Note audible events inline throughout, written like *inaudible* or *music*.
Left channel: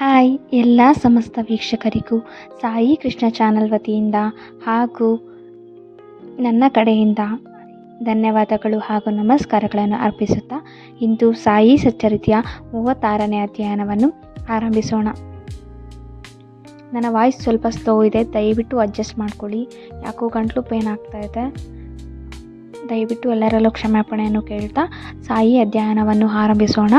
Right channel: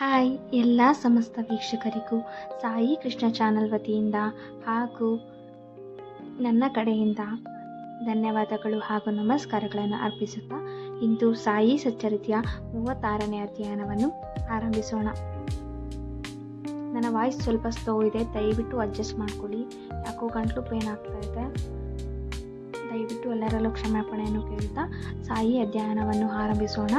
Hi ಎಲ್ಲ ಸಮಸ್ತ ವೀಕ್ಷಕರಿಗೂ Sai Krishna channel ವತಿಯಿಂದ ಹಾಗೂ ನನ್ನ ಕಡೆಯಿಂದ ಧನ್ಯವಾದಗಳು ಹಾಗೂ ನಮಸ್ಕಾರಗಳನ್ನು ಅರ್ಪಿಸುತ್ತಾ ಇಂದು ಸಾಯಿ ಸಚ್ಚರಿತೆಯ ಮೂವತ್ತಾರನೇ ಅಧ್ಯಯನವನ್ನು ಆರಂಭಿಸೋಣ. ನನ್ನ ವಾಯ್ಸ್ ಸ್ವಲ್ಪ ಸ್ಲೋ ಇದೆ, ದಯವಿಟ್ಟು ಅಡ್ಜಸ್ಟ್ ಮಾಡ್ಕೊಳ್ಳಿ. ಯಾಕೋ ಗಂಟ್ಲು ಪೇನ್ ಆಗ್ತಾ ಇದೆ. ದಯವಿಟ್ಟು ಎಲ್ಲರಲ್ಲೂ ಕ್ಷಮಾಪಣೆಯನ್ನು ಕೇಳ್ತಾ ಸಾಯಿ ಅಧ್ಯಯನವನ್ನು ಆರಂಭಿಸೋಣ.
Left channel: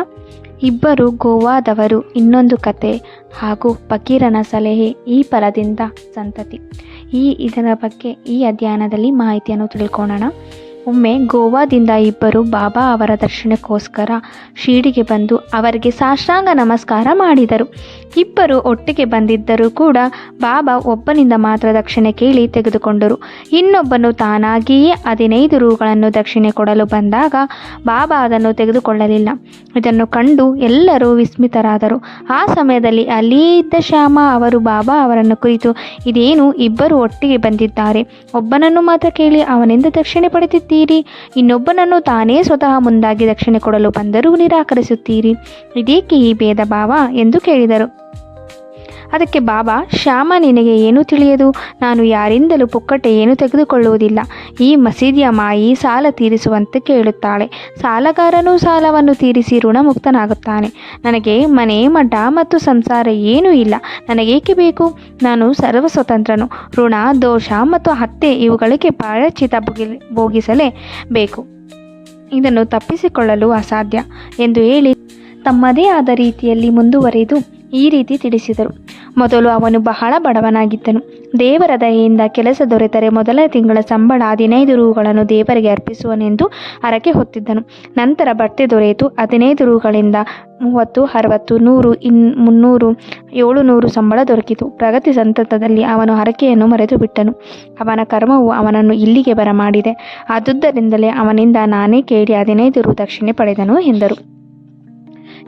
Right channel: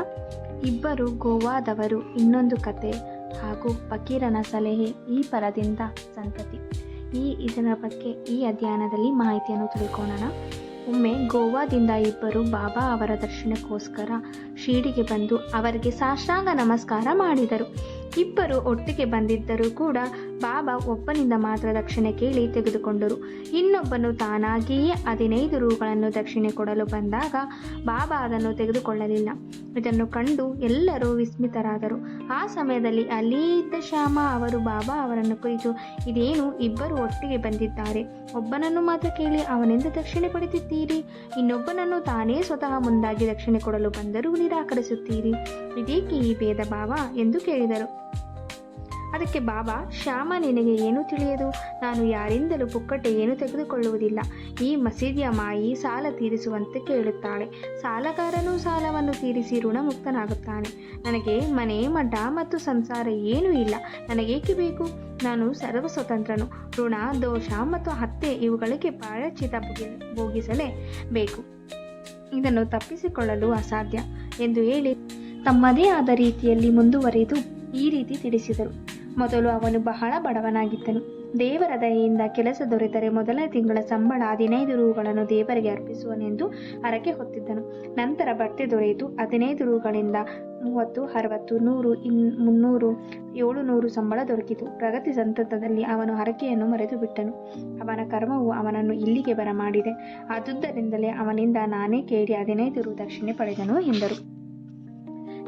ಇಬ್ಬರು ಗೋವಾದವರು ಇನ್ನೊಂದು ಕತೆ ಹಾಗೂ ಫಕೀರನ ಸಲಹೆ ಈ ಪರದಿಂದ ಸಂತತಿ. ಈ ಇದರ ಬಗ್ಗೆ ಈ ಅಧ್ಯಯನದಲ್ಲಿ ಮಾಹಿತಿಯನ್ನು ತಿಳ್ಕೊಳ್ಳೋಣ. ಒಮ್ಮೆ ಗೋವಾದಿಂದ ಇಬ್ಬರು ಬಾಬಾ ಅವರ ದರ್ಶನಕ್ಕೋಸ್ಕರ ಶಿರಡಿಗೆ ಬಂದು ಅವರಿಗೆ ಸಾಷ್ಟಾಂಗ ನಮಸ್ಕಾರ ಮಾಡಿದರು. ಇಬ್ಬರು ಒಟ್ಟಿಗೆ ಬಂದಿದ್ದರೂ ಕೂಡ ಬಾಬಾ ಒಬ್ಬನಿಂದ ಮಾತ್ರ ದಕ್ಷಿಣೆ ಕೇಳಿ ತೆಗೆದುಕೊಂಡರು. ಇನ್ನೊಬ್ಬನು ತಾನಾಗಿಯೇ ಹದಿನೈದು ರೂಗಳನ್ನು ದಕ್ಷಿಣೆ ಕೊಡಲು ಬಂದಾಗ ಬಾಬಾ ಅದನ್ನು ತೆಗೆದುಕೊಳ್ಳಲಿಲ್ಲ. ಇದನ್ನು ಕಂಡು ಎಲ್ಲರೂ ವಿಸ್ಮಿತರಾದರು. ಆ ಸಮಯದಲ್ಲಿ ಅಲ್ಲಿಯೇ ಇದ್ದ ಶ್ಯಾಮ ಅವರು ಬಾಬಾ ಅವರನ್ನು ಕುರಿತು, ಇದೇನು ಇಬ್ಬರು ಒಟ್ಟಿಗೆ ಬಂದಿದ್ದಾರೆ? ಒಬ್ಬನನ್ನು ಮಾತ್ರ ಕೇಳಿ ಅವನಿಂದ ದಕ್ಷಿಣೆ ಪಡೆದಿದ್ದೀರಿ? ಇನ್ನೊಬ್ಬನನ್ನು ತಾನೇ ಸ್ವತಃ ಮುಂದಾಗಿ ದಕ್ಷಿಣೆ ಕೊಡಲು ಬಂದರೂ ನಿರಾಕರಿಸುತ್ತೀರಿ? ಇದೇಕೆ ಈ ಭೇದ ಭಾವ? ಎಂದು ಕೇಳಿದರು. ಅದಕ್ಕೆ ಬಾಬಾ, ಶ್ಯಾಮ ನಿನಗೆ ಏನೂ ತಿಳಿಯದು? ನಾನು ಯಾರಿಂದಲೂ ಪುಕ್ಕಟೆ ಏನು ತೆಗೆದುಕೊಳ್ಳುವುದಿಲ್ಲ. ಈ ಮಸೀದಿಯ ಮಾಯಿ ಸಾಲ ತೀರಿಸುವಂತೆ ಕೇಳುತ್ತಾಳೆ. ಸಾಲಗಾರನು ಸಾಲವನ್ನು ತೀರಿಸಿ ಋಣಮುಕ್ತನಾಗುತ್ತಾನೆ. ನನಗೆ ಮನೆ, ಮಠ ಮತ್ತು ಸಂಸಾರ ಏನೂ ಇಲ್ಲ. ನನಗೇಕೆ ಬೇಕು? ನಾನು ಸರ್ವ ಸ್ವತಂತ್ರನು ಋಣ, ದೋಷ ಮತ್ತು ಹತ್ಯೆ ಇವುಗಳಿಗೆ ಪ್ರಾಯಚಿತ ಭೋಗಿ, ಭೋಗಿಸಲೇ ಬೇಕು. ಇದನ್ನು ತಪ್ಪಿಸಿಕೊಳ್ಳಲು ಅಸಾಧ್ಯ ಎಂದು ಹೇಳಿ ತಮ್ಮದೇ ಆದ ರೀತಿಯಲ್ಲಿ ಮುಂದುವರೆದು ಈ ರೀತಿ ತಿಳಿಸಿದರು. ಮೊದಲು ಅವನು ಬಹಳ ಬಡವನಾಗಿದ್ದನು. ದೇವರ ದಯೆಯಿಂದ ಕೆಲಸ ದೊರೆತರೆ ಮೊದಲ ತಿಂಗಳ ಸಂಬಳ ಹದಿನೈದು ರೂಗಳನ್ನು ದೇವರಿಗೆ ಅರ್ಪಿಸುವನೆಂದು ಹರಕೆ ಹೊತ್ತಿದ್ದನು. ನಂತರ ಬಟ್ಟೆ ದೊರೆಯಿತು. ಹದಿನೈದು ರೂಗಳಿಂದ ಮೂವತ್ತು, ಅರವತ್ತು, ನೂರು, ಇನ್ ಮುನ್ನೂರು, ಏಳುನೂರು ಸಂಬಳ ದೊರಕಿತು. ಪ್ರಗತಿ ಸಂತತದಲ್ಲಿ ಅವನು ಹರಕೆಯನ್ನು ಮರೆತು ಬಿಟ್ಟನು ಅವನ ಕರ್ಮವು ಅವನನ್ನು ಇಲ್ಲಿಗೆ ಬರಮಾಡಿದೆ. ಆದುದರಿಂದಲೇ ಅವನಿಂದ ನಾನೇ ಕೇಳಿ ಹದಿನೈದು ರೂ ದಕ್ಷಿಣೆ ಪಡೆದನು ಎಂದರು.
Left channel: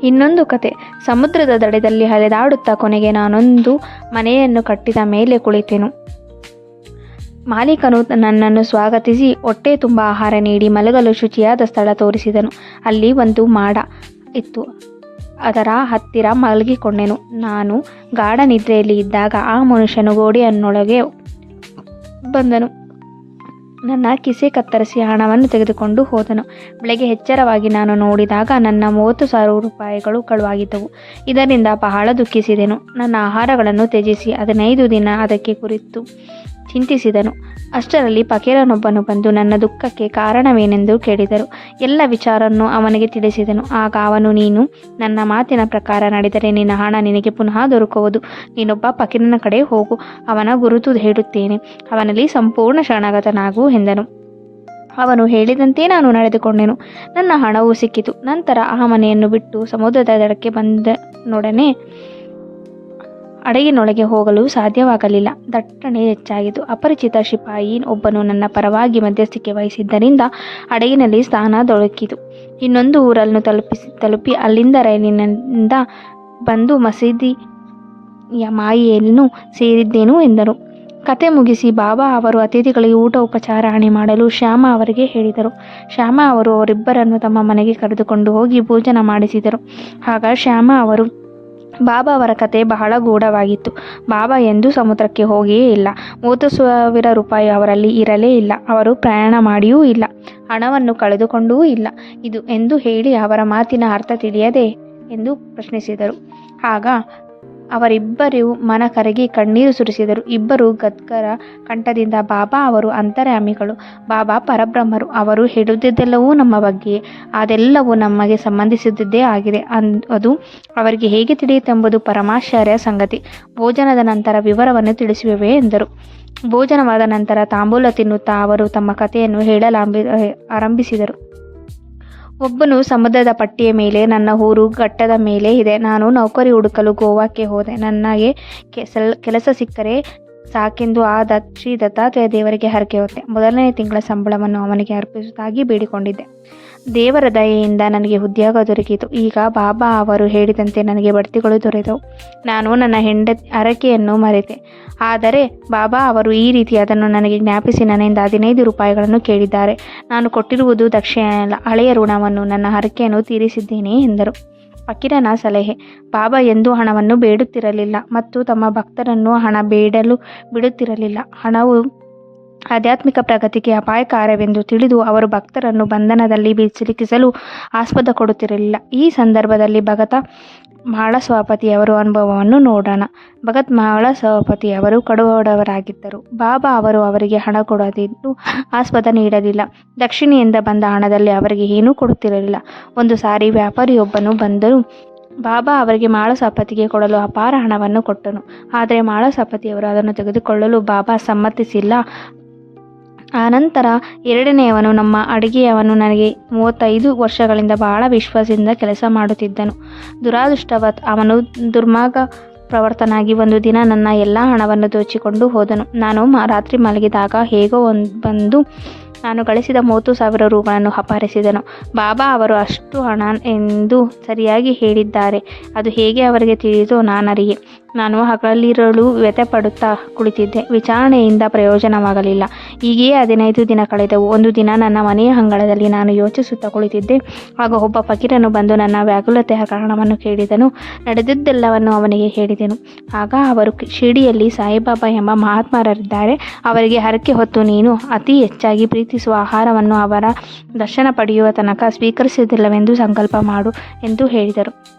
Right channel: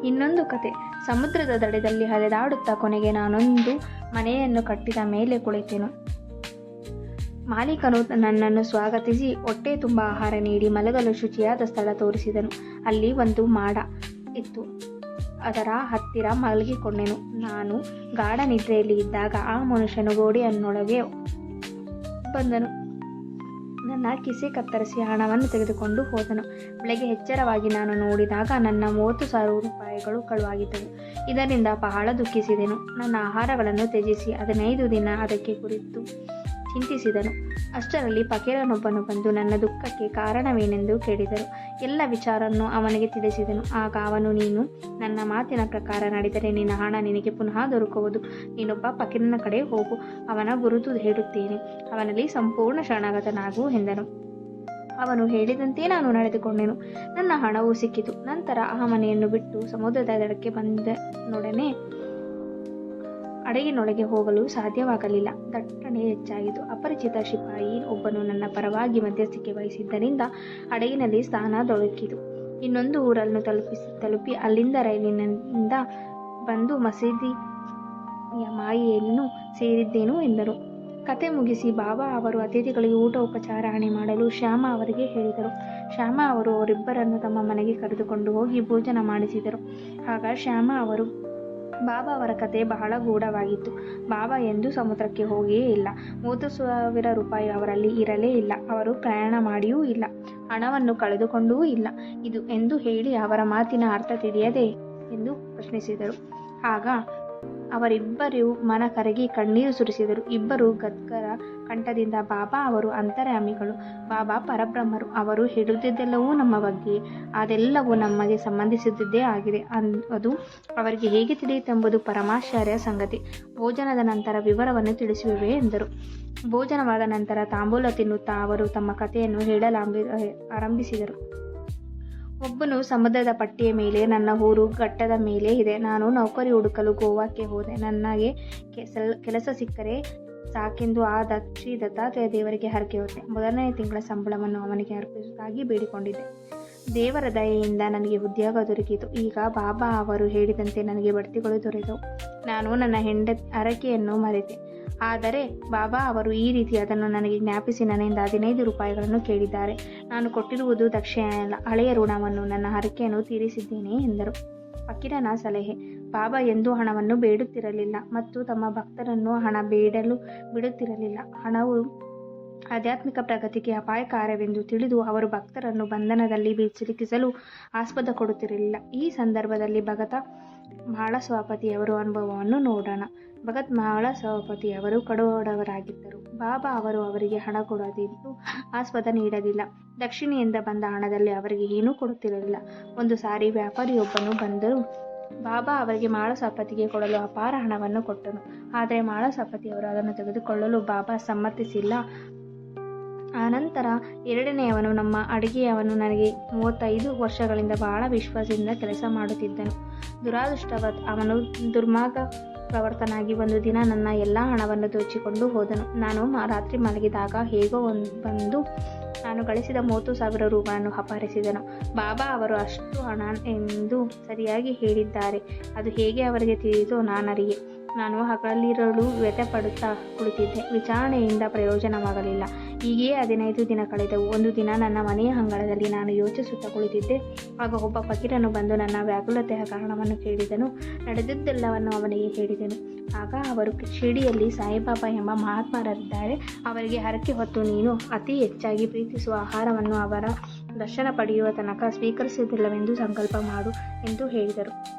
ಇನ್ನೊಂದು ಕತೆ. ಸಮುದ್ರದ ದಡದಲ್ಲಿ ಹರಿದಾಡುತ್ತಾ ಕೊನೆಗೆ ನಾನೊಂದು ಮನೆಯನ್ನು ಕಟ್ಟಿದ ಮೇಲೆ ಕುಳಿತೆನು. ಮಾಲೀಕನು ನನ್ನನ್ನು ಸ್ವಾಗತಿಸಿ ಹೊಟ್ಟೆ ತುಂಬ ಆಹಾರ ನೀಡಿ ಮಲಗಲು ಶುಚಿಯಾದ ಸ್ಥಳ ತೋರಿಸಿದನು. ಅಲ್ಲಿ ಒಂದು ಮಾಡ ಇತ್ತು. ಅದರ ಹತ್ತಿರ ಮಲಗಿಕೊಂಡೆನು. ನಾನು ಗಾಢ ನಿದ್ರೆಯಲ್ಲಿ ಇದ್ದಾಗ ಆ ಮನುಷ್ಯನು ಗೋಡೆಯನ್ನೊಳಗೆ ಬಂದನು. ನನ್ನ ಕಿಸೆ ಕತ್ತರಿಸಿ ಹಣವನ್ನು ತೆಗೆದುಕೊಂಡು ಹೋದನು. ಬೆಳಗ್ಗೆ ಎಚ್ಚರವಾಗಿ ನಾನು ನೋಡಿದಾಗ ನನ್ನ ಮೂವತ್ತು ಸಾವಿರ ರೂಪಾಯಿಗಳು ಕಳುವಾಗಿದ್ದವು. ಇದರಿಂದ ಬಹಳ ದುಃಖಿಸಿದೆನು. ನನ್ನ ಆಹಾರಗಳನ್ನು ತ್ಯಜಿಸಿ, ಹದಿನೈದು ದಿನ ಅದಕ್ಕೆ ಕುರಿತು ಚಿಂತಿಸಿದನು. ಅಷ್ಟರಲ್ಲಿ ಫಕೀರನೊಬ್ಬನು ಬಂದು ನನ್ನ ದುಃಖಕ್ಕೆ ಕಾರಣವೇನೆಂದು ಕೇಳಿದರು. ಎಲ್ಲ ವಿಚಾರವನ್ನು ಅವನಿಗೆ ತಿಳಿಸಿದನು. ಆಗ ಅವನು, ನೀನು ನನ್ನ ಮಾತಿನ ಪ್ರಕಾರ ನಡೆದರೆ ನಿನ್ನ ಹಣ ನಿನಗೆ ಪುನಃ ದೊರಕುವುದು. ನೀನೊಬ್ಬ ಪಕೀರನ ಕಡೆ ಹೋಗು, ಅವನ ಗುರುತು ಹೇಳುತ್ತೇನೆ. ಅವನಲ್ಲಿ ಸಂಪೂರ್ಣ ಶರಣಾಗತನಾಗು ಎಂದನು. ಅವನು ಹೇಳಿದಂತೆ ನಾನು ನಡೆದುಕೊಂಡೆನು. ನನ್ನ ಹಣವು ಸಿಕ್ಕಿತು. ನಂತರ ಆ ಮನೆಯನ್ನು ಬಿಟ್ಟು ಸಮುದ್ರದ ದಡಕ್ಕೆ ಬಂದನೊಡನೆ ಹಡಗಿನೊಳಗೆ ಹೋಗಲು ಸಾಧ್ಯವಾಗಲಿಲ್ಲ. ದಟ್ಟಣೆ ಹೆಚ್ಚಾಗಿತ್ತು. ಅಪರಿಚಿತ ಶಿಪಾಯಿ ಒಬ್ಬನು ನನ್ನ ಪರವಾಗಿ ಮಧ್ಯಸ್ಥಿಕೆ ವಹಿಸಿದ್ದರಿಂದ ಅಡಗಿನಲ್ಲಿ ಸ್ಥಾನ ದೊರಕಿತು. ಇನ್ನೊಂದು ಊರನ್ನು ತಲುಪಿಸಿ, ತಲುಪಿ ಅಲ್ಲಿಂದ ರೈಲಿನಿಂದ ಬಂದು ಮಸೀದಿಯ ಮಾಯಿಯನ್ನು ಸೇರಿದ್ದೇನು ಎಂದರು. ಕತೆ ಮುಗಿಸಿ ಬಾಬಾ ಅವರು ಅತಿಥಿಗಳಿಗೆ ಊಟ ಉಪಚಾರಣೆ ಮಾಡಲು ಶ್ಯಾಮ ಅವರಿಗೆ ಹೇಳಿದರು. ಶ್ಯಾಮ ಅವರು ಅವರಿಬ್ಬರನ್ನು ತಮ್ಮ ಮನೆಗೆ ಕರೆದುಕೊಂಡು ಹೋಗಿ ಭೋಜನ ಮಾಡಿಸಿದರು. ಆಗ ಶ್ಯಾಮ ಅವರು ಬಾಬಾ ಅವರ ಕತೆ ಬಹಳ ಗೂಢವಾಗಿತ್ತು. ಬಾಬಾ ಎಂದೂ ಸಮುದ್ರಕ್ಕೆ ಹೋಗಿಯೇ ಇಲ್ಲ. ಮೂವತ್ತು ಸಾವಿರ ರೂಪಾಯಿ ಅವರಲ್ಲಿ ಇರಲೇ ಇಲ್ಲ. ಅವರು ಪ್ರಯಾಣ ಮಾಡಿಯೂ ಇಲ್ಲ. ಹಣವನ್ನು ಕಳೆದುಕೊಂಡೂ ಇಲ್ಲ. ಇದು ಎಂದು ಹೇಳಿ ಅವರ ಮಾತಿನ ಅರ್ಥ ತಿಳಿಯದೆ ಎಂದು ಪ್ರಶ್ನಿಸಿದರು. ಆಗ ಅವರಿಬ್ಬರು ಮನ ಕರಗಿ ಕಣ್ಣೀರು ಸುರಿಸಿದರು. ಇಬ್ಬರು ಗದ್ಗರ ಕಂಠದಿಂದ, ಬಾಬಾ, ಅವರು ಅಂತರ್ಯಾಮಿಗಳು ಬಾಬಾ, ಪರಬ್ರಹ್ಮರು. ಅವರು ಹೇಳುತ್ತಿದ್ದೆಲ್ಲವೂ ನಮ್ಮ ಬಗ್ಗೆ. ಅದೆಲ್ಲವೂ ನಮಗೆ ಸಂಬಂಧಿಸಿದ್ದೇ ಆಗಿದೆ. ಅನ್, ಅದು ಅವರಿಗೆ ಹೇಗೆ ತಿಳಿಯಿತೆಂಬುದು ಪರಮಾಶ್ಚರ್ಯ ಸಂಗತಿ. ಭೋಜನದ ನಂತರ ವಿವರವನ್ನು ತಿಳಿಸುವೆ ಎಂದರು. ಭೋಜನವಾದ ನಂತರ ತಾಂಬೂಲ ತಿನ್ನುತ್ತಾ ಅವರು ತಮ್ಮ ಕಥೆಯನ್ನು ಹೇಳಲಾಂಬಿ, ಆರಂಭಿಸಿದರು. ಒಬ್ಬನು ಸಮುದ್ರದ ಪಟ್ಟಿಯ ಮೇಲೆ, ನನ್ನ ಊರು ಘಟ್ಟದ ಮೇಲೆ ಇದೆ. ನಾನು ನೌಕರಿ ಹುಡುಕಲು ಗೋವಾಕ್ಕೆ ಹೋದೆ. ನನಗೆ ಕೆಸಲ್, ಕೆಲಸ ಸಿಕ್ಕರೆ ಸಾಕೆಂದು ಆ ದಕ್ಷಿ ದತ್ತಾತ್ರೇಯ ದೇವರಿಗೆ ಹರಕೆ ಹೊತ್ತೆ. ಮೊದಲನೇ ತಿಂಗಳ ಸಂಬಳವನ್ನು ಅವನಿಗೆ ಅರ್ಪಿಸುವುದಾಗಿ ಬೇಡಿಕೊಂಡಿದ್ದೆ. ದೇವರ ದಯೆಯಿಂದ ನನಗೆ ಉದ್ಯೋಗ ದೊರಕಿತು. ಈಗ ಬಾಬಾ ಅವರು ಹೇಳಿದಂತೆ ನನಗೆ ಬಡ್ತಿಗಳು ದೊರೆತವು ನಾನು ನನ್ನ ಹೆಂಡತಿ, ಹರಕೆಯನ್ನು ಮರೆತೆ. ಆದರೆ ಬಾಬಾ ಅವರು ಈ ರೀತಿ ಅದನ್ನು ನನಗೆ ಜ್ಞಾಪಿಸಿ ನನ್ನಿಂದ ಹದಿನೈದು ರೂಪಾಯಿಗಳನ್ನು ಕೇಳಿದ್ದಾರೆ. ನಾನು ಕೊಟ್ಟಿರುವುದು ದಕ್ಷಿಣ ಹಳೆಯ ಋಣವನ್ನು, ನನ್ನ ಹರಕೆಯನ್ನು ತೀರಿಸಿದ್ದೇನೆ ಎಂದರು. ಫಕೀರನ ಸಲಹೆ, ಬಾಬಾ ಎಂದೂ ಹಣವನ್ನು ಬೇಡುತ್ತಿರಲಿಲ್ಲ ಮತ್ತು ತಮ್ಮ ಭಕ್ತರನ್ನು ಹಣ ಬೇಡಲು ಬಿಡುತ್ತಿರಲಿಲ್ಲ. ಹಣವು ಆಧ್ಯಾತ್ಮಿಕ ಪ್ರಗತಿಗೆ ಅಪಾಯಕಾರವೆಂದು ತಿಳಿದು ಅವರು ಭಕ್ತರನ್ನು ಬಂಧನದಲ್ಲಿ ಸಿಲುಕಿಸಲು ಆಸ್ಪದ ಕೊಡುತ್ತಿರಲಿಲ್ಲ. ಈ ಸಂದರ್ಭದಲ್ಲಿ ಭಗತ ಮಾಳಸ್ವಾಪತಿಯವರ ಅನುಭವವನ್ನು ನೋಡೋಣ. ಭಗತ್ ಮಾಳಸ್ವಾಪತಿಯವರು ಕಡುವಡವರಾಗಿದ್ದರು ಬಾಬಾ ಅವರು ಅವರಿಗೆ ಹಣ ಕೊಡದಿದ್ದು ಆಸ್ಪದ ನೀಡಲಿಲ್ಲ. ದಕ್ಷಿಣೆಯಿಂದ ಬಂದ ಹಣದಲ್ಲಿ ಅವರಿಗೆ ಏನೂ ಕೊಡುತ್ತಿರಲಿಲ್ಲ. ಒಂದು ಸಾರಿ ವ್ಯಾಪಾರಿಯೊಬ್ಬನು ಬಂದರು ಬಾಬಾ ಅವರಿಗೆ ಮಾಳಸಪತಿಗೆ ಕೊಡಲು ಅಪಾರ ಹಣವನ್ನು ಕೊಟ್ಟನು. ಆದರೆ ಮಾಳಸಪತಿಯವರು ಅದನ್ನು ತೆಗೆದುಕೊಳ್ಳಲು ಬಾಬಾ ಸಮ್ಮತಿಸಿಲ್ಲ. ಆನಂತರ ಎರಡನೆಯವನು ನಮ್ಮ ಅಡುಗೆಯವನು ನನಗೆ ಮೂವತ್ತೈದು ವರ್ಷಗಳಿಂದ ಬಹಳ ವಿಶ್ವಾಸದಿಂದ ಕೆಲಸ ಮಾಡುತ್ತಿದ್ದನು. ದುರಾದೃಷ್ಟವತ್ ಅವನು ದುರ್ಮಾರ್ಗ ಪ್ರವರ್ತನಾಗಿ ಒಂದು ದಿನ ನನ್ನ ಎಲ್ಲ ಹಣವನ್ನು ದೋಚಿಕೊಂಡು ಹೋದನು. ನಾನು ರಾತ್ರಿ ಮಲಗಿದಾಗ ಹೇಗೋ ಒಂದು, ಬಂದು ನಾನು ಗಳಿಸಿದ ಮೂವತ್ತು ಸಾವಿರ ರೂಗಳನ್ನು ಅಪಹರಿಸಿದನು. ಬಾಬಾ ಅವರು ಅಷ್ಟು ಹಣ ಎಂದು ಸರಿಯಾಗಿ ಹೇಳಿದ್ದಾರೆ. ಅದು ಹೇಗೆ ಅವರಿಗೆ ತಿಳಿಯಿತು ನಾನರಿಗೆ ನಾನು ಹಗಲಿರಲು ವ್ಯಥಪಡುತ್ತಾ ಕುಳಿತಿದ್ದೆ. ವಿಚಾರಣೆಯಿಂದ ಪ್ರಯೋಜನವಾಗಲಿಲ್ಲ. ಹೀಗೆಯೇ ಹದಿನೈದು ದಿನ ಕಳೆದವು. ಒಂದು ದಿನ ನನ್ನ ಮನೆಯ ಅಂಗಳದಲ್ಲಿ ನಾನು ಯೋಚಿಸುತ್ತಾ ಕುಳಿತಿದ್ದೆ. ಆಗ ಒಬ್ಬ ಫಕೀರನು ಬಂದು ನನ್ನ ವ್ಯಾಕುಲತೆಯ ಕಾರಣವನ್ನು ಕೇಳಿದನು. ನಡೆದಿದ್ದೆಲ್ಲವನ್ನು ಅವನಿಗೆ ಹೇಳಿದೆನು. ಆಗ ಅವರು ಶಿರ್ಡಿಯಲ್ಲಿ ಸಾಯಿಬಾಬಾ ಎಂಬ ಮಹಾತ್ಮರಿದ್ದಾರೆ ಅವರಿಗೆ ಹರಕೆ ಹೊತ್ತು ನೀನು ಅತಿ ಹೆಚ್ಚಾಗಿ ಪ್ರೀತಿಸುವ ಆಹಾರವನ್ನು ಅವರ ದರ್ಶನ ಪಡೆಯುವ ತನಕ ಸ್ವೀಕರಿಸುವುದಿಲ್ಲವೆಂದು ಸಂಕಲ್ಪ ಮಾಡು ಎಂದು ಹೇಳಿದರು.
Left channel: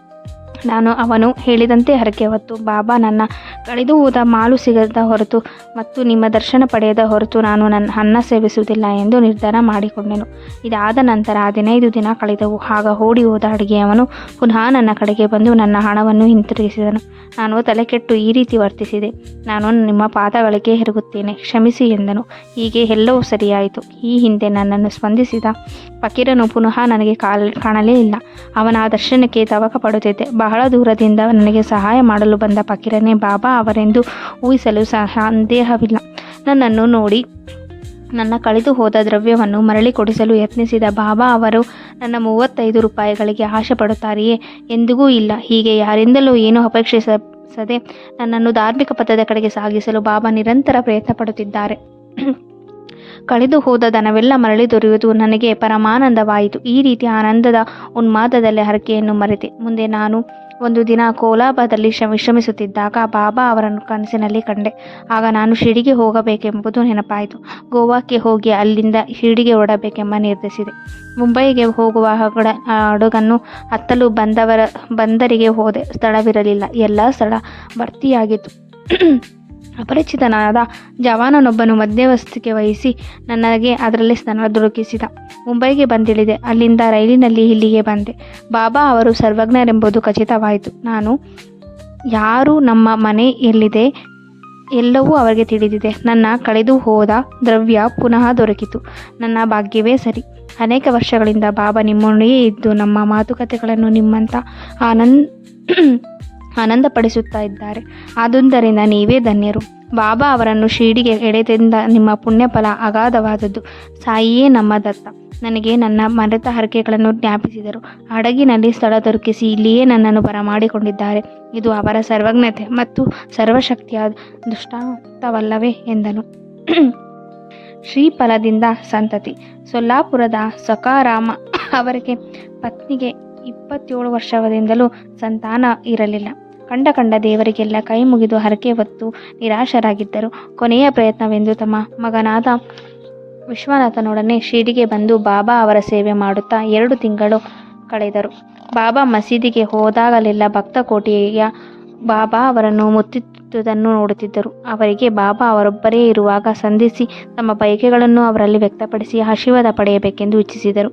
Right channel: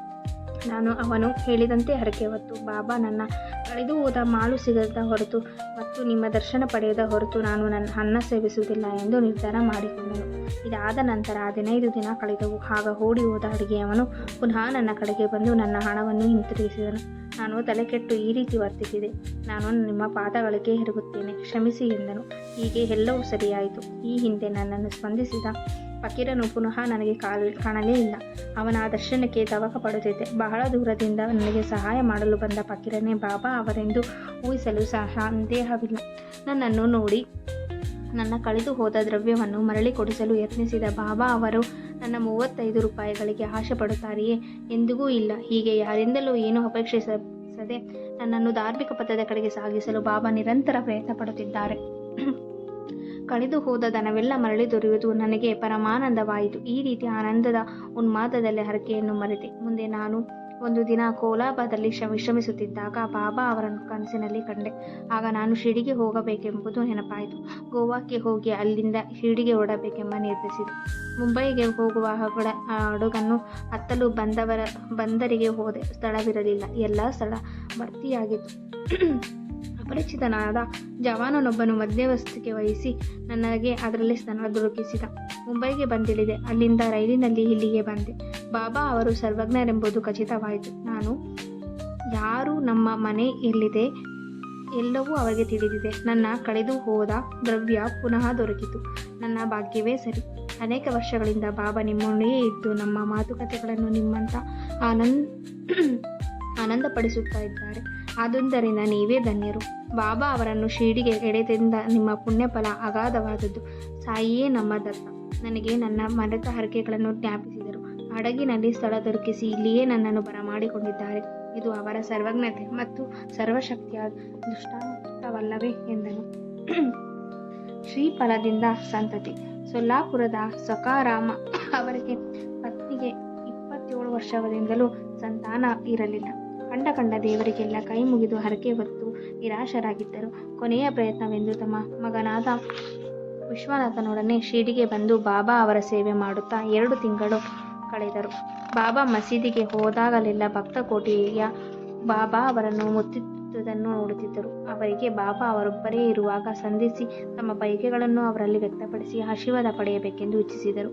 ನಾನು ಅವನು ಹೇಳಿದಂತೆ ಹರಕೆ ಹೊತ್ತು ಬಾಬಾ ನನ್ನ ಕಳೆದು ಹೋದ ಮಾಲು ಸಿಗದ ಹೊರತು ಮತ್ತು ನಿಮ್ಮ ದರ್ಶನ ಪಡೆಯದ ಹೊರತು ನಾನು ನನ್ನ ಅನ್ನ ಸೇವಿಸುವುದಿಲ್ಲ ಎಂದು ನಿರ್ಧಾರ ಮಾಡಿಕೊಂಡೆನು. ಇದಾದ ನಂತರ ಹದಿನೈದು ದಿನ ಕಳೆದವು. ಆಗ ಓಡಿ ಹೋದ ಅಡುಗೆಯವನು ಪುನಃ ನನ್ನ ಕಡೆಗೆ ಬಂದು ನನ್ನ ಹಣವನ್ನು ಹಿಂತಿರುಗಿಸಿದನು. ನಾನು ತಲೆಕೆಟ್ಟು ಈ ರೀತಿ ವರ್ತಿಸಿದೆ. ನಾನು ನಿಮ್ಮ ಪಾದಗಳಿಗೆ ಹೆರುಗುತ್ತೇನೆ. ಕ್ಷಮಿಸಿ ಎಂದನು. ಹೀಗೆ ಎಲ್ಲವೂ ಸರಿಯಾಯಿತು. ಈ ಹಿಂದೆ ನನ್ನನ್ನು ಸ್ಪಂದಿಸಿದ ಫಕೀರನು ಪುನಃ ನನಗೆ ಕಾಲ್ ಕಾಣಲೇ ಇಲ್ಲ. ಅವನ ದರ್ಶನಕ್ಕೆ ತವಕ ಪಡುತ್ತಿದ್ದೆ ಬಹಳ ದೂರದಿಂದ ನನಗೆ ಸಹಾಯ ಮಾಡಲು ಬಂದ ಫಕೀರನೇ, ಬಾಬಾ, ಅವರೆಂದು ಊಹಿಸಲು ಸಂದೇಹವಿಲ್ಲ. ನನ್ನನ್ನು ನೋಡಿ ನನ್ನ ಕಳೆದು ಹೋದ ದ್ರವ್ಯವನ್ನು ಮರಳಿ ಕೊಡಿಸಲು ಯತ್ನಿಸಿದ ಬಾಬಾ, ಅವರು ನನ್ನ ಮೂವತ್ತೈದು ರೂಪಾಯಿಗಳಿಗೆ ಆಶೆ ಪಡುತ್ತಾರೆಯೇ ಎಂದಿಗೂ ಇಲ್ಲ. ಹೀಗೆ ಯಾರಿಂದಲೂ ಏನೂ ಅಪೇಕ್ಷಿಸದೆ ನನ್ನನ್ನು ಧಾರ್ಮಿಕ ಪಥದ ಕಡೆಗೆ ಸಾಗಿಸಲು ಬಾಬಾ ನಿರಂತರ ಪ್ರಯತ್ನ ಪಡುತ್ತಿದ್ದಾರೆ ಕಳೆದು ಹೋದ ದನವೆಲ್ಲ ಮರಳಿ ದೊರೆಯುವುದು ನನಗೆ ಪರಮಾನಂದವಾಯಿತು. ಈ ರೀತಿ ಆನಂದದ ಉನ್ಮಾದದಲ್ಲಿ ಹರಕೆಯನ್ನು ಮರೆತೆ. ಮುಂದೆ ನಾನು ಒಂದು ದಿನ ಕೋಲಾಬದಲ್ಲಿ ವಿಶ್ರಮಿಸುತ್ತಿದ್ದಾಗ ಬಾಬಾ ಅವರನ್ನು ಕನಸಿನಲ್ಲಿ ಕಂಡೆ. ಆಗ ನಾನು ಶಿಡಿಗೆ ಹೋಗಬೇಕೆಂಬುದು ನೆನಪಾಯಿತು. ಗೋವಾಕ್ಕೆ ಹೋಗಿ ಅಲ್ಲಿಂದ ಶಿಡಿಗೆ ಹೊರಡಬೇಕೆಂಬ ನಿರ್ಧರಿಸಿದೆ ಮುಂಬೈಗೆ ಹೋಗುವ ಹಡಗನ್ನು ಹತ್ತಲು ಬಂದವರ, ಬಂದರಿಗೆ ಹೋದೆ. ಸ್ಥಳವಿರಲಿಲ್ಲ. ಎಲ್ಲ ಸ್ಥಳ ಭರ್ತಿಯಾಗಿತ್ತು. ಅಪರಿಚಿತನಾದ ಜವಾನನೊಬ್ಬನು ಮಧ್ಯವಸ್ಥಿಕೆ ವಹಿಸಿ ನನಗೆ ಅದರಲ್ಲಿ ಸ್ಥಾನ ದೊರಕಿಸಿದ. ಮುಂಬೈಗೆ ಬಂದಿಳಿದೆ. ಅಲ್ಲಿಂದ ರೈಲಿನಲ್ಲಿ ಇಲ್ಲಿಗೆ ಬಂದೆ. ಬಾಬಾ ಅವರು ಸರ್ವಜ್ಞರೆಂಬುದು ಖಚಿತವಾಯಿತು. ನಾನು, ಯಾರು ನಮ್ಮ ಮನೆ ಎಲ್ಲಿದೆ? ಎಲ್ಲವೂ ಅವರಿಗೆ ತಿಳಿದಿದೆ. ನನ್ನ ಕಳೆದು ಹೋದ ದ್ರವ್ಯ ಪುನಃ ದೊರಕಿತು. ನನ್ನ ಭಾಗ್ಯವೇ ಸರಿ. ಅನೇಕ ವರ್ಷಗಳಿಂದ ಬಾಬಾ ನಿಮ್ಮೊಂದಿಗೆ ಇದ್ದು ನಮ್ಮ ಮಾತುಕತೆಗಳನ್ನು ನಿಮ್ಮಂಥ ಆನಂದ್ ಆನಂದಪಡಿಸುತ್ತಾ ಇದ್ದಾರೆ. ಆದುದರಿಂದ ನೀವೇ ಧನ್ಯರು. ಬಾಬಾ ಅವರನ್ನು ಶಿರಡಿಗೆ ಎಳೆದಿಂದ ನಿಮ್ಮ ಪುಣ್ಯಫಲ ಅಗಾಧವಾದದ್ದು. ಸಾಯಿಯೇ ನಮ್ಮ ದತ್ತ. ನನಗೆ ನನ್ನ ಮರೆತ ಹರಕೆಗಳನ್ನು ಜ್ಞಾಪಿಸಿದರು. ಹಡಗಿನಲ್ಲಿ ಸ್ಥಳ ದೊರಕಿಸಿ ಇಲ್ಲಿಯೇ ನನ್ನನ್ನು ಬರಮಾಡಿಕೊಂಡಿದ್ದಾರೆ. ಇದು ಅವರ ಸರ್ವಜ್ಞತೆ ಮತ್ತು ಸರ್ವಶಕ್ತಿಯ ದುಷ್ಟಾಂತವಲ್ಲವೇ ಎಂದನು. ಶ್ರೀಫಲದಿಂದ ಸಂತತಿ. ಸೊಲ್ಲಾಪುರದ ಸಕಾರಾಮ ಅವರಿಗೆ ಪತ್ನಿಗೆ ಇಪ್ಪತ್ತೇಳು ವರ್ಷದಿಂದಲೂ ಸಂತಾನ ಇರಲಿಲ್ಲ. ಕಂಡ ಕಂಡ ದೇವರಿಗೆಲ್ಲ ಕೈ ಮುಗಿದು ಹರಕೆ ಹೊತ್ತು ನಿರಾಶರಾಗಿದ್ದರು. ಕೊನೆಯ ಪ್ರಯತ್ನವೆಂದು ತಮ್ಮ ಮಗನಾದ ವಿಶ್ವನಾಥನೊಡನೆ ಶಿರ್ಡಿಗೆ ಬಂದು ಬಾಬಾ ಅವರ ಸೇವೆ ಮಾಡುತ್ತಾ ಎರಡು ತಿಂಗಳು ಕಳೆದರು. ಬಾಬಾ ಮಸೀದಿಗೆ ಹೋದಾಗಲೆಲ್ಲ ಭಕ್ತ ಕೋಟೆಯ ಬಾಬಾ ಅವರನ್ನು ಮುತ್ತಿದ್ದುದನ್ನು ನೋಡುತ್ತಿದ್ದರು. ಅವರಿಗೆ ಬಾಬಾ ಅವರೊಬ್ಬರೇ ಇರುವಾಗ ಸಂಧಿಸಿ ತಮ್ಮ ಬಯಕೆಗಳನ್ನು ಅವರಲ್ಲಿ ವ್ಯಕ್ತಪಡಿಸಿ ಆಶೀರ್ವಾದ ಪಡೆಯಬೇಕೆಂದು ಇಚ್ಛಿಸಿದರು.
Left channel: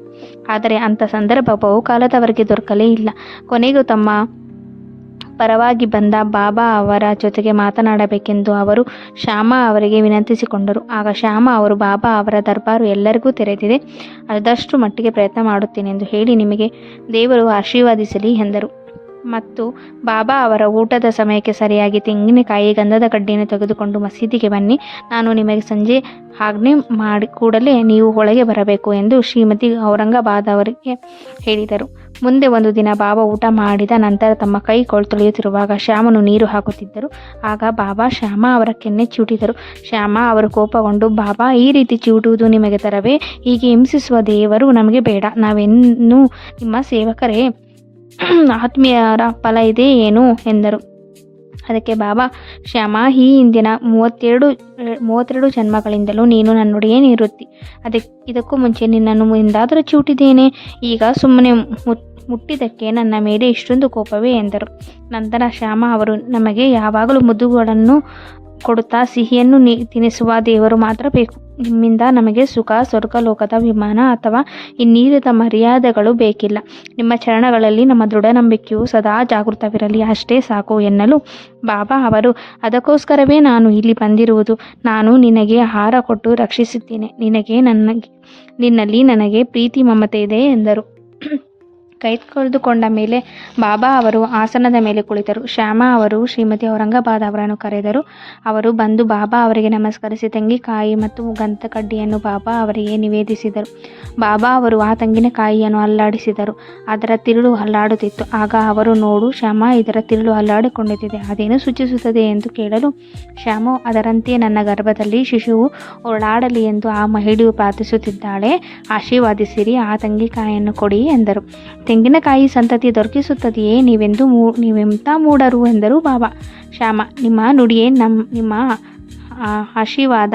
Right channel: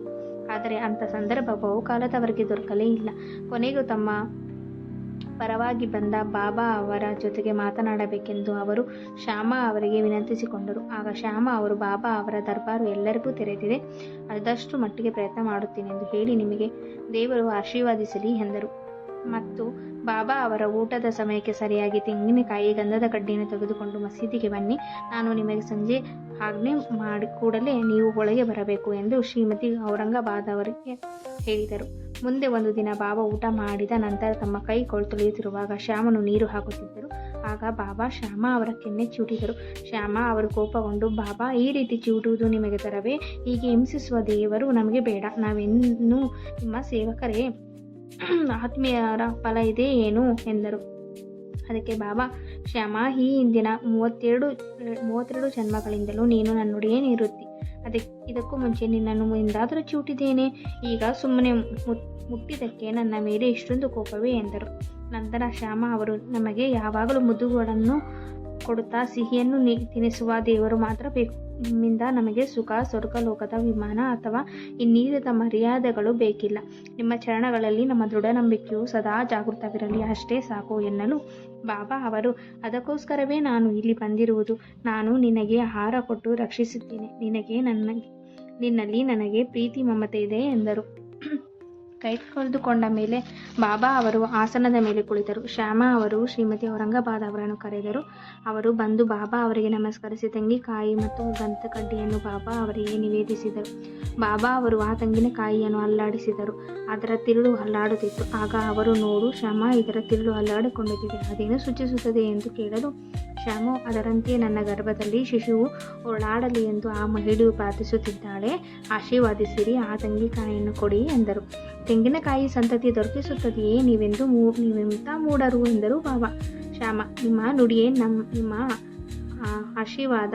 ಆದರೆ ಅಂಥ ಸಂದರ್ಭ ಬಹುಕಾಲದವರೆಗೆ ದೊರಕಲೇ ಇಲ್ಲ. ಕೊನೆಗೂ ತಮ್ಮ ಪರವಾಗಿ ಬಂದ ಬಾಬಾ ಅವರ ಜೊತೆಗೆ ಮಾತನಾಡಬೇಕೆಂದು ಅವರು ಶ್ಯಾಮ ಅವರಿಗೆ ವಿನಂತಿಸಿಕೊಂಡರು. ಆಗ ಶ್ಯಾಮ ಅವರು, ಬಾಬಾ ಅವರ ದರ್ಬಾರು ಎಲ್ಲರಿಗೂ ತೆರೆದಿದೆ. ಅದಷ್ಟು ಮಟ್ಟಿಗೆ ಪ್ರಯತ್ನ ಮಾಡುತ್ತೇನೆ ಎಂದು ಹೇಳಿ ನಿಮಗೆ ದೇವರು ಆಶೀರ್ವಾದಿಸಲಿ ಎಂದರು. ಮತ್ತು ಬಾಬಾ ಅವರ ಊಟದ ಸಮಯಕ್ಕೆ ಸರಿಯಾಗಿ ತೆಂಗಿನಕಾಯಿ ಗಂಧದ ಕಡ್ಡಿಯನ್ನು ತೆಗೆದುಕೊಂಡು ಮಸೀದಿಗೆ ಬನ್ನಿ. ನಾನು ನಿಮಗೆ ಸಂಜೆ ಆಜ್ಞೆ ಮಾಡಿ ಕೂಡಲೇ ನೀವು ಒಳಗೆ ಬರಬೇಕು ಎಂದು ಶ್ರೀಮತಿ ಔರಂಗಾಬಾದ್ ಅವರಿಗೆ ಹೇಳಿದರು. ಮುಂದೆ ಒಂದು ದಿನ ಬಾಬಾ ಊಟ ಮಾಡಿದ ನಂತರ ತಮ್ಮ ಕೈ ಕೊಳ್ ತೊಳೆಯುತ್ತಿರುವಾಗ ಶ್ಯಾಮನು ನೀರು ಹಾಕುತ್ತಿದ್ದರು. ಆಗ ಬಾಬಾ ಶ್ಯಾಮ ಅವರ ಕೆನ್ನೆ ಚೂಟಿದರು. ಶ್ಯಾಮ ಅವರು ಕೋಪಗೊಂಡು, ಬಾಬಾ, ಈ ರೀತಿ ಚೂಟುವುದು ನಿಮಗೆ ತರವೇ? ಹೀಗೆ ಹಿಂಸಿಸುವ ದೇವರು ನಮಗೆ ಬೇಡ. ನಾವೆನ್ನೂ ನಿಮ್ಮ ಸೇವಕರೇ *clears throat* ಆತ್ಮೀಯರ ಫಲ ಇದೆ ಏನು? ಎಂದರು. ಅದಕ್ಕೆ ಬಾಬಾ ಶ್ಯಾಮ ಈ ಹಿಂದಿನ ಮೂವತ್ತೆರಡು ಮೂವತ್ತೆರಡು ಜನ್ಮಗಳಿಂದಲೂ ನೀನು ನನ್ನೊಡೆಯೇ ಇರುತ್ತಿ. ಅದಕ್ಕೆ ಇದಕ್ಕೂ ಮುಂಚೆ ನಿನ್ನನ್ನು ಎಂದಾದರೂ ಚೂಟಿದ್ದೇನೆ. ಈಗ ಸುಮ್ಮನೆ ಮುಟ್ ಮುಟ್ಟಿದ್ದಕ್ಕೆ ನನ್ನ ಮೇಲೆ ಇಷ್ಟೊಂದು ಕೋಪವೇ ಎಂದರು. ನಂತರ ಶ್ಯಾಮ ಅವರು, ನಮಗೆ ಯಾವಾಗಲೂ ಮುದ್ದುಗಳನ್ನು ಕೊಡುತ್ತಾ ಸಿಹಿಯನ್ನು ನೀ ತಿನ್ನಿಸುವ ದೇವರು ಮಾತ್ರ ಬೇಕು. ನಿಮ್ಮಿಂದ ನಮಗೆ ಸುಖ ಸ್ವರ್ಗಲೋಕದ ವಿಮಾನ ಅಥವಾ ಇನ್ನೀರದ ಮರ್ಯಾದೆಗಳು ಬೇಕಿಲ್ಲ. ನಿಮ್ಮ ಚರಣಗಳಲ್ಲಿ ನಮ್ಮ ದೃಢ ನಂಬಿಕೆಯು ಸದಾ ಜಾಗೃತವಿರಲಿ, ಅಷ್ಟೇ ಸಾಕು ಎನ್ನಲು. ಬಾಬಾ ಅವರು, ಅದಕ್ಕೋಸ್ಕರವೇ ನಾನು ಇಲ್ಲಿ ಬಂದಿರುವುದು. ನಾನು ನಿನಗೆ ಆಹಾರ ಕೊಟ್ಟು ರಕ್ಷಿಸುತ್ತೇನೆ ನಿನಗೆ ನನ್ನ, ನಿನ್ನಲ್ಲಿ ನನಗೆ ಪ್ರೀತಿ ಮಮತೆ ಇದೆ ಎಂದರು. ಕೈ ತೊಳೆದುಕೊಂಡ ಮೇಲೆ ಬಾಬಾ ಅವರು ಆಸನದ ಮೇಲೆ ಕುಳಿತರು. ಶ್ಯಾಮ ಅವರು ಶ್ರೀಮತಿ ಔರಂಗಾಬಾದ್ ಅವರನ್ನು ಕರೆದರು. ಅವರು ಬಂದು ಬಾಬಾ ಅವರಿಗೆ ನಮಸ್ಕರಿಸಿ ತೆಂಗಿಕಾಯಿ ಮತ್ತು ಗಂಧಕಡ್ಡಿಯನ್ನು ಬಾಬಾ ಅವರಿಗೆ ನಿವೇದಿಸಿದರು. ಬಾಬಾ ಅವರು ಆ ತೆಂಗಿನಕಾಯಿಯನ್ನು ಅಲ್ಲಾಡಿಸಿದರು. ಅದರ ತಿರುಳು ಅಲ್ಲಾಡುತ್ತಿತ್ತು. ಆಗ ಅವರು, ನೋಡು ಶ್ಯಾಮ, ಇದರ ತಿರುಳು ಅಲ್ಲಾಡಿಕೊಂಡಿದ್ದಿದೆ ಅದೇನು ಸೂಚಿಸುತ್ತದೆ ಎಂದು ಕೇಳಲು? ಶ್ಯಾಮು, ಅದರಂತೆಯೇ ನನ್ನ ಗರ್ಭದಲ್ಲಿ ಶಿಶುವು ಓಡಾಡಲಿ ಎಂದು ಆ ಮಹಿಳೆಯು ಪ್ರಾರ್ಥಿಸುತ್ತಿದ್ದಾಳೆ. ಆಶೀರ್ವಾದಿಸಿರಿ, ಆ ತೆಂಗಿನಕಾಯಿಯನ್ನು ಕೊಡಿ ಎಂದರು. ತೆಂಗಿನಕಾಯಿ ಸಂತತಿ ದೊರಕಿಸುತ್ತದೆಯೇ ನೀವೆಂದು ಮೂ, ನೀವೆಂತ ಮೂಡರು ಎಂದರು ಬಾಬಾ ಶ್ಯಾಮ, ನಿಮ್ಮ ನುಡಿಯೇ ನಮ್ಮ ನಿಮ್ಮ ಆಶೀರ್ವಾದ.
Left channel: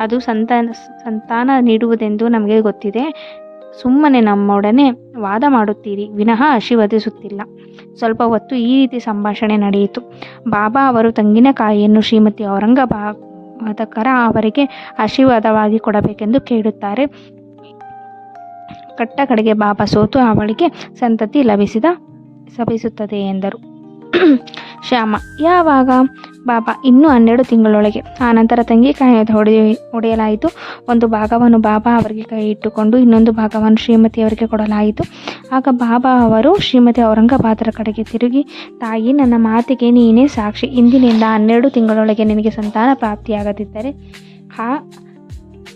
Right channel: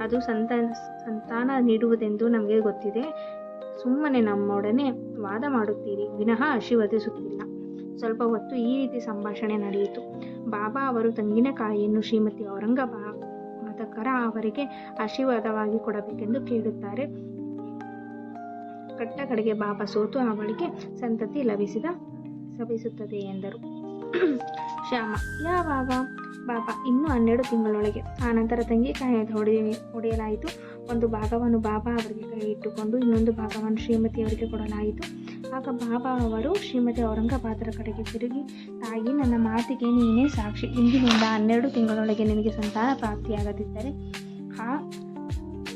ಅದು ಸಂತಾನ ಸಂತಾನ ನೀಡುವುದೆಂದು ನಮಗೆ ಗೊತ್ತಿದೆ. ಸುಮ್ಮನೆ ನಮ್ಮೊಡನೆ ವಾದ ಮಾಡುತ್ತೀರಿ, ವಿನಃ ಆಶೀರ್ವದಿಸುತ್ತಿಲ್ಲ. ಸ್ವಲ್ಪ ಹೊತ್ತು ಈ ರೀತಿ ಸಂಭಾಷಣೆ ನಡೆಯಿತು. ಬಾಬಾ ಅವರು ತೆಂಗಿನಕಾಯಿಯನ್ನು ಶ್ರೀಮತಿ ಔರಂಗಬಾದಕರ ಅವರಿಗೆ ಆಶೀರ್ವಾದವಾಗಿ ಕೊಡಬೇಕೆಂದು ಕೇಳುತ್ತಾರೆ. ಕಟ್ಟ ಕಡೆಗೆ ಬಾಬಾ ಸೋತು ಅವಳಿಗೆ ಸಂತತಿ ಲಭಿಸಿದ ಸಭಿಸುತ್ತದೆ ಎಂದರು. *clears throat* ಶ್ಯಾಮ, ಯಾವಾಗ? ಬಾಬಾ, ಇನ್ನೂ ಹನ್ನೆರಡು ತಿಂಗಳೊಳಗೆ. ಆನಂತರ ಕಾಯ ಹೊಡೆ ಹೊಡೆಯಲಾಯಿತು. ಒಂದು ಭಾಗವನ್ನು ಬಾಬಾ ಅವರಿಗೆ ಕೈ ಇಟ್ಟುಕೊಂಡು ಇನ್ನೊಂದು ಭಾಗವನ್ನು ಶ್ರೀಮತಿಯವರಿಗೆ ಕೊಡಲಾಯಿತು. ಆಗ ಬಾಬಾ ಅವರು ಶ್ರೀಮತಿ ಔರಂಗಾಬಾದರ ಕಡೆಗೆ ತಿರುಗಿ, ತಾಯಿ, ನನ್ನ ಮಾತಿಗೆ ನೀನೇ ಸಾಕ್ಷಿ. ಇಂದಿನಿಂದ ಹನ್ನೆರಡು ತಿಂಗಳೊಳಗೆ ನಿನಗೆ ಸಂತಾನ ಪ್ರಾಪ್ತಿಯಾಗದಿದ್ದರೆ ಆ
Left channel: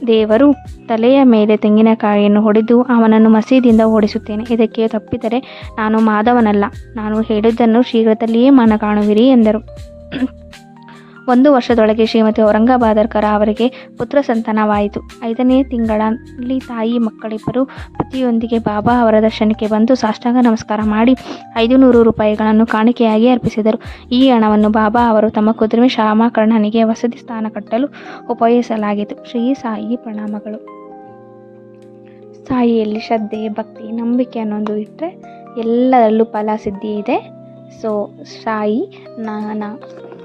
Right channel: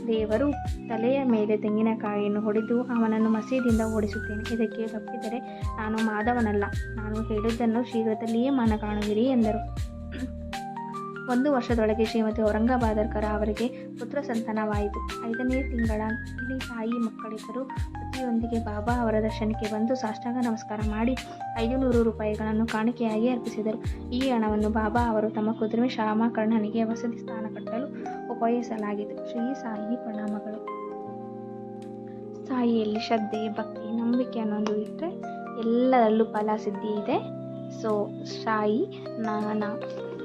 ದೇವರು ತಲೆಯ ಮೇಲೆ ತೆಂಗಿನಕಾಯಿಯನ್ನು ಹೊಡೆದು ಅವನನ್ನು ಮಸೀದಿಯಿಂದ ಓಡಿಸುತ್ತೇನೆ. ಇದಕ್ಕೆ ತಪ್ಪಿದರೆ ನಾನು ಮಾಧವನಲ್ಲ ನಾನು ಹೇಳಿದ್ದನ್ನು ಶೀಘ್ರದಲ್ಲಿಯೇ ಮನ ಕಾಣುವಿರಿ ಎಂದರು. ಒಂದು ವರ್ಷದೊಳಗೆ ಶ್ರೀಮತಿ ಔರಂಗಾಬಾದರ್ಕರ ಅವರಿಗೆ ಪುತ್ರ ಸಂತಾನವಾಯಿತು. ಐದನೇ ತಿಂಗಳಲ್ಲಿ ತಾಯಿ ಮಕ್ಕಳಿಬ್ಬರು ಪತಿಯೊಂದಿಗೆ ಬಾಬಾ ಅವರ ದರ್ಶನಕ್ಕೆ ಬಂದು ಸಾಷ್ಟಾಂಗ ನಮಸ್ಕಾರ ಮಾಡಿ ಐದು ನೂರು ರೂಪಾಯಿಗಳನ್ನು ಕಾಣಿಕೆಯಾಗಿ ಅರ್ಪಿಸಿದರು. ಈ ಹಣವನ್ನು ಬಾಬಾ ಅವರು ತಮ್ಮ ಕುದುರೆ ಶ್ಯಾಮಕರ್ಣನಿಗೆ ವಸತಿ ಸ್ಥಾನ ಕಟ್ಟಲು ಉಪಯೋಗಿಸಲಾಗಿತ್ತು. ಶ್ರೀ ಸಾಯಿ ಪ್ರಣಾಮಗಳು. ಸಾಯಿಯಲ್ಲಿ ಶ್ರದ್ಧೆ, ಭಕ್ತಿ, ನಂಬಿಕೆ ಅನ್ನೋದು ಇಟ್ಟರೆ ಎಲ್ಲರಲ್ಲೂ ಫಲ ಸಿದ್ಧಿ ಇದೆ. ಸೊ ಸಾಯಿ, ನಾನ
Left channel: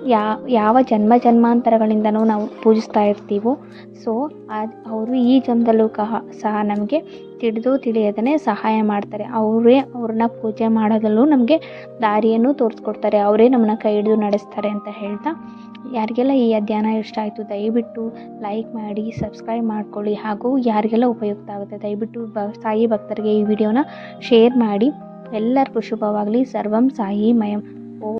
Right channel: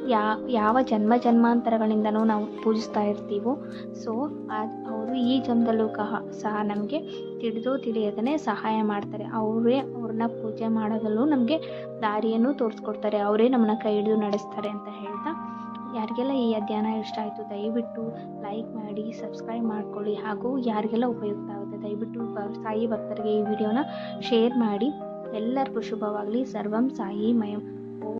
ಯಾ, ಯಾವ ಜನ್ಮ ಜನ್ಮಾಂತರಗಳಿಂದನೂ ನಾವು ಪೂಜಿಸ್ತಾ ಇರ್ತೀವೋ, ಸೊ ಅವರು ಈ ಜನ್ಮದಲ್ಲೂ ಕಹ, ಸಹ ನಮಗೆ ತಿಳಿದು ತಿಳಿಯದೇ ಸಹಾಯ ಮಾಡ್ತಾರೆ. ಅವರೇ ಅವ್ರನ್ನ ಪೂಜೆ ಮಾಡೋದಲ್ಲೂ ನಮಗೆ ದಾರಿಯನ್ನು ತೋರಿಸ್ಕೊಡ್ತಾರೆ. ಅವರೇ ನಮ್ಮನ್ನ ಕೈ ಹಿಡಿದು ನಡೆಸ್ತಾರೆ ಅಂತ ಹೇಳ್ತಾ. ಯಾರಿಗೆಲ್ಲ ಈ ಅಧ್ಯಯನ ಇಷ್ಟ ಆಯಿತು, ದಯವಿಟ್ಟು ಲೈಕ್ ಮಾಡಿ, ಸಬ್ಸ್ಕ್ರೈಬ್ ಮಾಡ್ಕೊಳ್ಳಿ ಹಾಗೂ ಯಾರಿಗೆಲ್ಲ ಉಪಯುಕ್ತ ಆಗುತ್ತೆ, ದಯವಿಟ್ಟು ಬ, ಸಾಯಿ ಭಕ್ತರಿಗೆ ಈ ವಿಡಿಯೋನ ಶೇರ್ ಮಾಡಿ. ಎಲ್ಲರಿಗೂ ಶುಭವಾಗಲಿ. ಸರ್ವಂ ಸಾಯಿ ಮಯಂ.